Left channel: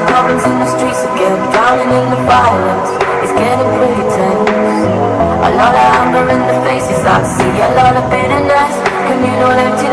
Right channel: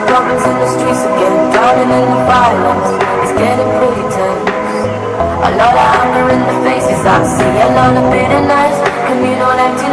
got problems in the streets again, drowning in the violence. It's getting pretty tense. A lot of anger in the faces I see, a lot of bitterness, communal emptiness.